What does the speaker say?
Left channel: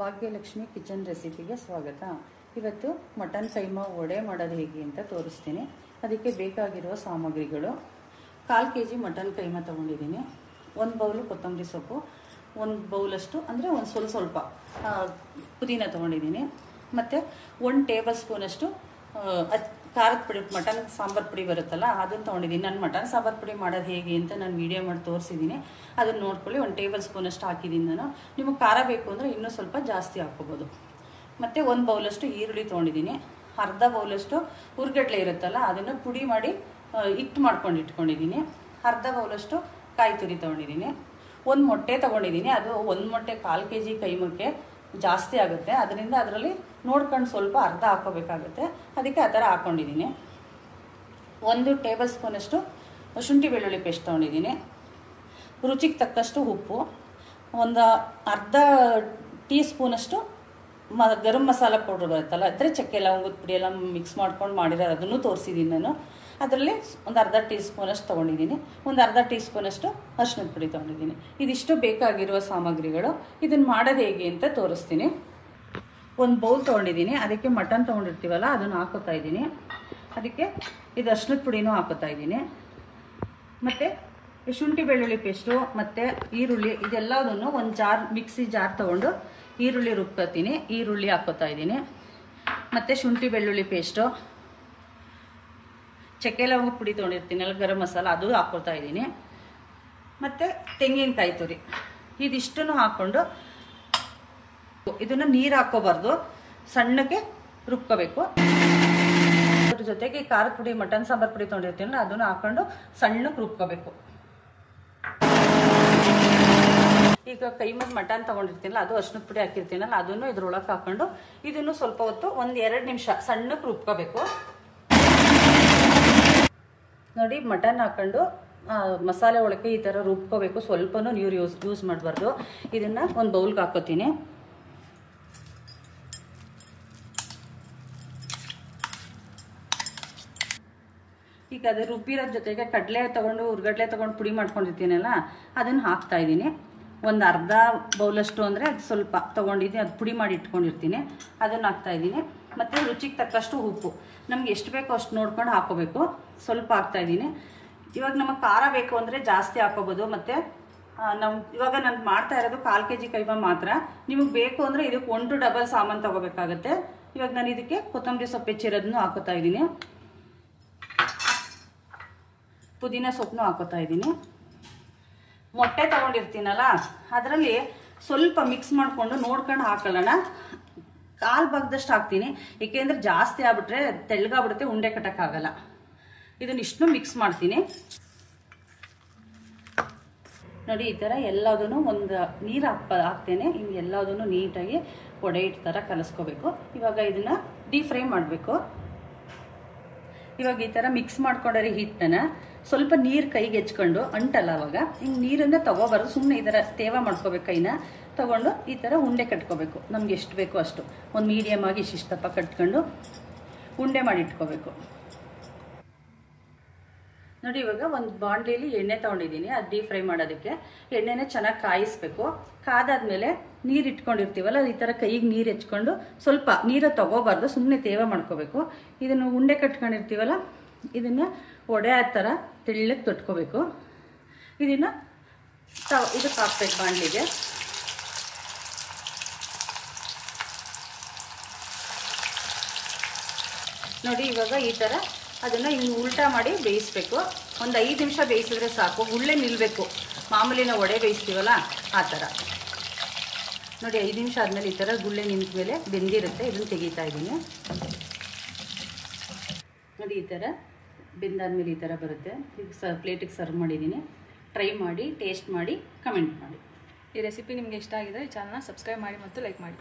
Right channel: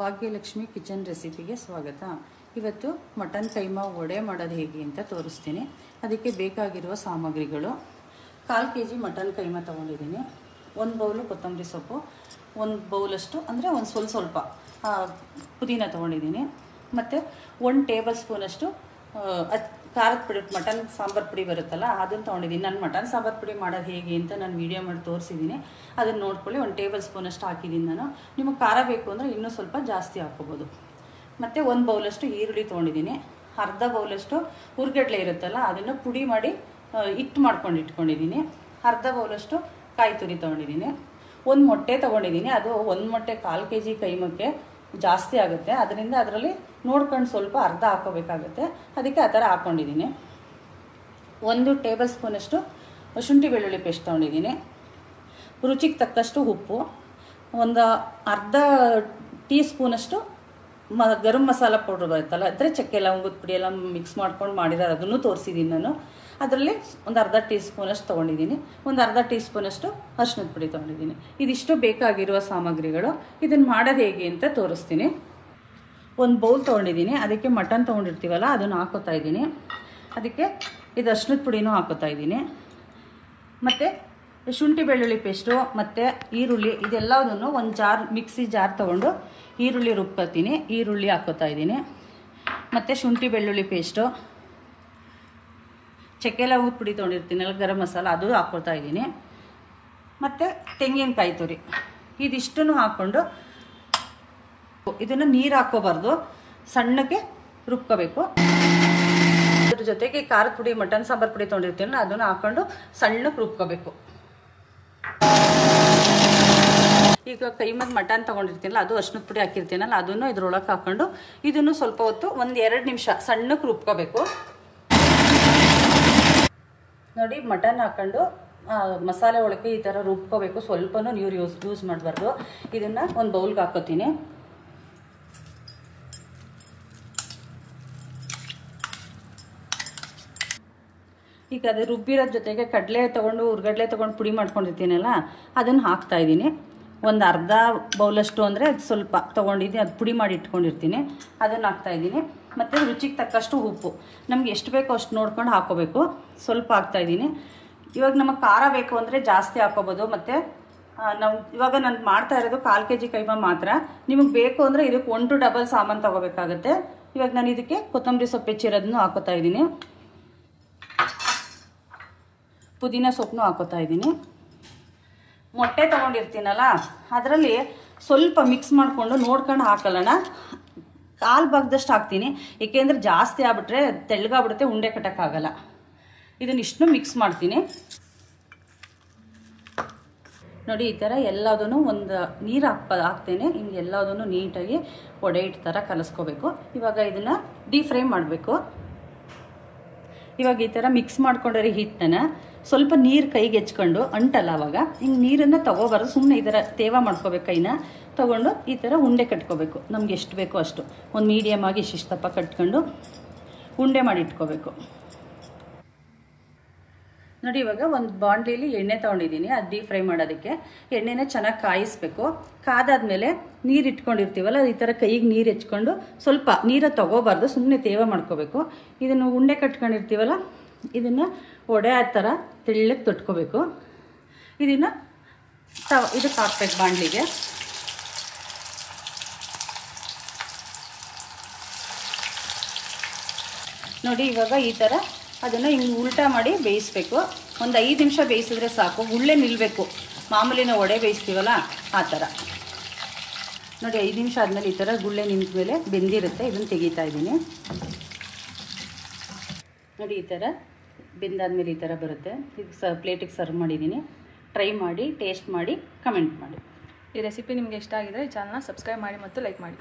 Bhagyalakshmi kitchen ರೆಸಿಪಿಗೆ ಸ್ವಾಗತ. ಇವತ್ತು mutton keema vada ಮಾಡೋದು ಹೇಗೆ ಅಂತ ತೋರಿಸ್ತೀನಿ. ಅದಕ್ಕೆ ಬೇಕಾಗಿರುವ ಸಾಮಗ್ರಿಗಳು: 1/4 kg ಮಟನ್ ಕೈಮಾ ತೊಗೊಂಡಿದ್ದೀನಿ, 1 ಬೌಲು ಕೊತ್ತಂಬರಿ ಸೊಪ್ಪು, 1 ಬೌಲಷ್ಟು ಅಂದರೆ ಒಂದು ಸ್ವಲ್ಪ ಪುದೀನ ತೊಗೊಂಡಿದ್ದೀನಿ, ಮತ್ತು 1 ಟೇಬಲ್ ಸ್ಪೂನಷ್ಟು ಖಾರದ ಪುಡಿ, ಮಟನ್ ಸಾಂಬಾರು ಪುಡಿ ಬರುತ್ತಲ್ಲ ಅದನ್ನು ತೊಗೊಂಡಿದ್ದೀನಿ. ನಾನು ಮಟನ್ ಸಾಂಬಾರು ಪುಡಿ ಮಾಡೋದು ಹೇಗೆ ಅಂತ ನಾನು ವಿಡಿಯೋ ಮಾಡಿ ತೋರಿಸಿದ್ದೀನಿ, ಅದನ್ನು ನೋಡ್ಕೊಳ್ಳಿ. 1 ಟೇಬಲ್ ಸ್ಪೂನಷ್ಟು ಹಾಕಿದ್ದೀನಿ ನಾನು. ನಿಮಗೆ ಖಾರ ಬೇಕು ಅಂದರೆ ಇನ್ನೂ ಸ್ವಲ್ಪ ಜಾಸ್ತಿ ಹಾಕ್ಕೋಬೋದು. ಮತ್ತು 1 ಬೌಲಷ್ಟು ಈರುಳ್ಳಿ ತೊಗೊಂಡಿದ್ದೀನಿ, ಅರ್ಧ ಬೌಲಷ್ಟು ಹುರ್ಗಡ್ಲೆ ಇರುತ್ತಲ್ಲ ಅದನ್ನು ಪುಡಿ ಮಾಡಿ ಹಿಟ್ಟು ಮಾಡ್ಕೊಂಡು ಇಟ್ಕೊಂಡಿದ್ದೀನಿ, ಅರ್ಧ ಬೌಲಷ್ಟು ಕಾಯಿ ತುರಿ ತೊಗೊಂಡಿದ್ದೀನಿ, 1 ಮೊಟ್ಟೆ ತೊಗೊಂಡಿದ್ದೀನಿ. ಅದು 1 ಮೊಟ್ಟೆ 1/4 kg ಕೈಮಕ್ಕೆ ಜಾಸ್ತಿ ಆಗುತ್ತೆ, ಅದರಿಂದ ಅದರಲ್ಲಿ ನೋಡ್ಕೊಂಡು ಸ್ವಲ್ಪ ಅರ್ಧ ಹಾಕೋಬೇಕಾಗುತ್ತೆ, ಅದಕ್ಕೆ ಆ ಥರ ಹಾಕ್ಕೊಂಡಿದ್ದೀನಿ. 1 ಟೇಬಲ್ ಸ್ಪೂನಷ್ಟು ಶುಂಠಿ ಬೆಳ್ಳುಳ್ಳಿ ಪೇಸ್ಟ್ ತೊಗೊಂಡಿದ್ದೀನಿ, ರುಚಿಗೆ ತಕ್ಕಷ್ಟು ಉಪ್ಪು, ಒಂದು ಅರ್ಧ ಟೀ ಸ್ಪೂನಷ್ಟು ಗರಂ ಮಸಾಲ ಪೌಡ್ರ್ ಬರುತ್ತಲ್ಲ, ಅಂದರೆ ಚಕ್ಕೆ ಲವಂಗದ ಪುಡಿ ಎಲ್ಲ ಮಿಕ್ಸ್ ಮಾಡ್ಕೊಂಡು ಮಾಡಿರೋದು, ಅದನ್ನು ತೋರಿಸಿದ್ದೀನಿ ನಾನು. ಅದರಲ್ಲಿ ಒಂದು ಅರ್ಧ ಟೀ ಸ್ಪೂನಷ್ಟು ತೊಗೊಂಡಿದ್ದೀನಿ, ಒಂದು ಅರ್ಧ ಟೀ ಸ್ಪೂನಷ್ಟು ಅರಿಶಿಣದ ಪುಡಿ ತೊಗೊಂಡಿದ್ದೀನಿ. ಇದಿಷ್ಟು ಬೇಕಾಗಿರುವ ಸಾಮಗ್ರಿಗಳು. ಇದನ್ನು ಮಾಡೋದು ಹೇಗೆ ಅಂತ ತೋರಿಸ್ತೀನಿ. 1 ಬೌಲ್ ತೊಗೊಂಡಿದ್ದೀನಿ, ಅದಕ್ಕೆ ಮಟನ್ ತೊಗೊಂಡಿರ್ತೀವಲ್ಲ ಅದನ್ನು ಹಾಕೋತಾ ಇದ್ದೀನಿ. ಅದಕ್ಕೆ ಇದು ಅರಿಶಿಣದ ಪುಡಿನೂ ಹಾಕೋತಾ ಇದ್ದೀನಿ, ಮತ್ತು ಶುಂಠಿ ಬೆಳ್ಳುಳ್ಳಿ ಪೇಸ್ಟು ಮತ್ತು ಈರುಳ್ಳಿ ಇದೆಲ್ಲದನ್ನು ಒಂದು ಮಿಕ್ಸಿ ಜಾರ್ ತೊಗೊಂಡು ಈರುಳ್ಳಿ ರುಬ್ಕೊತೀನಿ. ಈರುಳ್ಳಿ ಹಾಕೋತಾ ಇದ್ದೀನಿ, ಮತ್ತು ಶುಂಠಿ ಬೆಳ್ಳುಳ್ಳಿ ಪೇಸ್ಟು, ಚಕ್ಕೆ ಲವಂಗದ ಪುಡಿ ತೊಗೊಂಡಿರ್ತೀನಲ್ಲ ಗರಂ ಮಸಾಲ ಅದು ಹಾಕ್ಕೊಳ್ತಾ ಇದ್ದೀನಿ, ಮತ್ತು ತೆಂಗಿನಕಾಯಿ ತುರಿ ಇದಿಷ್ಟನ್ನು ಹಾಕ್ಕೊಂಡು ಇದನ್ನು ನೀರು ಹಾಕ್ಕೋಬಾರ್ದು, ಸಣ್ಣಕ್ಕೆ ರುಬ್ಕೋಬೇಕು. ಅದ್ರ ಜೊತೆಗೆ ಖಾರದ ಪುಡಿ, ಮಟನ್ ಸಾಂಬಾರು ಪುಡಿ ತೊಗೊಂಡಿರ್ತೀನಲ್ಲ ಅದನ್ನು ಹಾಕ್ಕೊಂಡು ಸಣ್ಣಕ್ಕೆ ರುಬ್ಕೋಬೇಕು. ಈಗ ಕೈಮದ ಮಟನ್ ತೊಗೊಂಡಿರ್ತೀನಲ್ಲ ಅದು ಅರಿಶಿಣದ ಪುಡಿ ಹಾಕಿರ್ತೀನಲ್ಲ ಅದನ್ನು ಇದ್ರೊಳಗೆ ಹಾಕ್ಕೊಂಡು ಇದನ್ನು ಸ್ವಲ್ಪ ಹೊತ್ತು 1-2 ನಿಮಿಷ ಸಣ್ಣಕ್ಕೆ ರುಬ್ಕೋಬೇಕು. ನೋಡಿ, ಮಟನ್ ಹಾಕ್ಕೊಂಡು ಮಸಾಲೆ ಒಳಗೆ ಈ ಥರ ರುಬ್ಕೋಬೇಕು, ಸ್ವಲ್ಪನೂ ನೀರು ಯೂಸ್ ಮಾಡಬಾರ್ದು. ಇದನ್ನು ಒಂದು ಬೌಲ್ಗೆ ಹಾಕೋತೀನಿ. ಈಗ ಅದು ರುಬ್ಬಿರೋದ್ರ ಜೊತೆಗೆ ಕಡಲೆ ತೊಗೊಂಡು ಹುರ್ಗಡ್ಲೆ ತೊಗೊಂಡು ಪುಡಿ ಮಾಡ್ಕೊಂಡಿರ್ತೀನಲ್ಲ ಅದನ್ನು ಹಾಕ್ತಾ ಇದ್ದೀನಿ. ಒಂದು ಅರ್ಧ ಬೌಲಷ್ಟು ಅಂದರೆ ಅದು ಸ್ವಲ್ಪ ತೊಗೊಂಡಿದ್ದೀನಿ, ಅದು ಪುಡಿ ಮಾಡಿ ಇಟ್ಕೊಂಡಿರ್ತೀನಿ, ಅದನ್ನು ಹಾಕ್ತಾಯಿದ್ದೀನಿ. ಮತ್ತು ರುಚಿಗೆ ತಕ್ಕಷ್ಟು ಉಪ್ಪು, ನಮ್ಗೆ ಎಷ್ಟು ಬೇಕೋ ಅಷ್ಟು ನೋಡ್ಕೊಂಡು ಹಾಕೋಬೇಕು. ಸ್ವಲ್ಪ ಹಾಕ್ತಾಯಿದ್ದೀನಿ. ಇವಾಗ ನಮಗೆ ಖಾರ ಬೇಕು ಅಂದರೆ ಜಾಸ್ತಿ ಹಾಕೋಬೋದು. ಮತ್ತು ಇವಾಗ ನಾನು ಮಾಡ್ತಾ ಇರೋದು 1/4 kg ಕೈಮಾ ಮಾತ್ರ. ನಿಮಗೆ ಬೇಕು ಅಂದರೆ ಇದಕ್ಕೆ 1 to ಡಬಲ್ ಸಾಮಾನು ತೊಗೋಬೇಕಾಗುತ್ತೆ. ಇವಾಗ ನಾನು ಇದಕ್ಕೆ ಕೊತ್ತಂಬರಿ ಸೊಪ್ಪು ಹೆಚ್ಚಿರೋದನ್ನು ಹಾಕೋತಾ ಇದ್ದೀನಿ, ಪುದೀನ ಸೊಪ್ಪನ್ನು ಹಾಕೋತಾ ಇದ್ದೀನಿ. ಮೊಟ್ಟೆ ತೊಗೊಂಡಿರ್ತೀನಲ್ಲ ಅದರಲ್ಲಿ ಸ್ವಲ್ಪ ಮಿಕ್ಸ್ ಮಾಡಿಕೊಂಡು ನೋಡ್ಕೊಂಡು ಹಾಕೊಳ್ಳೋಣ. 1/4 ಭಾಗದಷ್ಟು ಹಾಕ್ತೀನಿ, ಏಕೆಂದರೆ ಜಾಸ್ತಿ ಆಗ್ಬಿಟ್ರೆ ತೆಳ್ಳಗಾಗ್ಬಿಡುತ್ತೆ, ಉಂಡೆ ಕಟ್ಟೋಕ್ಕಾಗಲ್ಲ. ಇದನ್ನಿಷ್ಟು ಮಿಕ್ಸ್ ಮಾಡ್ತೀನಿ. ನೋಡಿ, ಈ ಥರ ಎಲ್ಲದನ್ನು ಒಂದು ನೀರು ಹಾಕ್ತೇನೆ. ಹಿಂಗೆ ಎಲ್ಲದನ್ನು ನೀಟಾಗಿ ವಡೆ ಹಿಟ್ಟು ಥರ ಕಲಿಸ್ಕೋಬೇಕು. ಇವಾಗ ಇದನ್ನು ಡೀಪ್ ಫ್ರೈ ಮಾಡಬೇಕು. ಇವಾಗ ಈ ಥರ ಮಿಕ್ಸ್ ಮಾಡ್ಕೊಂಡ್ರೆ ಹಿಟ್ಟನ್ನು ಸ್ವಲ್ಪ ನೀರು ಕೈಗೆ ಹೆಚ್ಕೊಂಡು ಅಂಟಲ್ಲ, ಅವಾಗ ಹಿಂಗೆ ನೀರನ್ನು ತೊಗೋಬಾರ್ದು, ಸುಮ್ಮನೆ ಈ ಥರ ತೇವ ಮಾಡ್ಕೋಬೇಕು. ಕೈನ ತೊಗೊಂಡು ಈ ಥರ ಉಂಡೆ ಕಟ್ಕೋಬೇಕು. ನಮ್ಗೆ ಎಷ್ಟು ಬೇಕೋ ಅಷ್ಟು ಒಂದು ಮೀಡಿಯಮ್ ಆಗಿ ಇಷ್ಟಿಷ್ಟಪ್ಪ ಕಟ್ಕೊಂಡು ಉಂಡೆ ಮಾಡಿ ಇಟ್ಕೋಬೇಕು. ನೋಡಿ, ಇವಾಗ ಒಂದು ಬಾಣಲಿಲಿ ಎಣ್ಣೆ ತೊಗೊಂಡಿದ್ದೀನಿ, ಅದು ಡೀಪ್ ಫ್ರೈ ಮಾಡೋದಕ್ಕೆ. ಎಣ್ಣೆನ ಚೆನ್ನಾಗಿ ಕಾಯಿಸ್ಬೇಕು. ಕಾದಾದ್ಮೇಲೆ ನೀರು ಇಟ್ಕೊಂಡಿರ್ತೀವಲ್ಲ ಈ ಥರ ಕೈಗೆ ನೀರು ಹೆಚ್ಕೊಂಡು ಸ್ವಲ್ಪ ನೀರು ತೊಗೋಬಾರ್ದು, ಸುಮ್ಮನೆ ತೇವ ಮಾಡ್ಕೋಬೇಕು. ಇದನ್ನು ಉಂಡೆ ಕಟ್ಕೊಂಡಿರ್ತೀವಲ್ಲ ಇದನ್ನು ವಡೆ ಆ ಥರ ತೆಳ್ಳಗೆ ತೊಟ್ಕೋಬೇಕು. ಇದನ್ನು ಇದಕ್ಕೆ ಹಾಕ್ಬೇಕು ಬಾಣಲಿಗೆ. ನೋಡಿ, ಇವಾಗ ಈ ಥರ ಅದನ್ನು ಹಿಂಗೆ ಉಲ್ಟಾ ಮಾಡಿ ಬೇಯಿಸ್ಬೇಕು. ಒಂದು 5 ನಿಮಿಷ ಬೇಯಿಸಿದ್ರೆ ಸಾಕು, ಗುಳ್ಳೆ ನಿಲ್ಲಬೇಕು. ಮಾಮೂಲಿ ನಾವು ವಡೆ ಬೇಯಿಸ್ತೀವಲ್ಲ ಆ ಥರ. ನೋಡಿ, 5 ನಿಮಿಷ ಆದಮೇಲೆ ಈ ಥರ ಗುಳ್ಳೆ ನಿಂತ ಮೇಲೆ ಬೆಂದಿರುತ್ತೆ. ಇದನ್ನು ತೆಗಿತಾ ಇದ್ದೀನಿ. ನೋಡಿ, ಈ ಥರ ಬೆಂದಾದ್ಮೇಲೆ ಈ ಥರ ಬರುತ್ತೆ. ಈಗ ಪ್ಲೇಟಿಗೆ ಸರ್ವ್ ಮಾಡಿದ್ದೀನಿ. ಟ್ರೈ ಮಾಡಿ, ಟೇಸ್ಟ್ ಮಾಡಿ, ಕಮೆಂಟ್ ಮಾಡಿ. ಈ ರೆಸಿಪಿ ನಿಮಗೆ ಇಷ್ಟ ಆಗಿದ್ರೆ ಚಾನಲ್ನ ಸಬ್ಸ್ಕ್ರೈಬ್ ಮಾಡಿ ಮತ್ತು ಲೈಕ್ ಮಾಡಿ.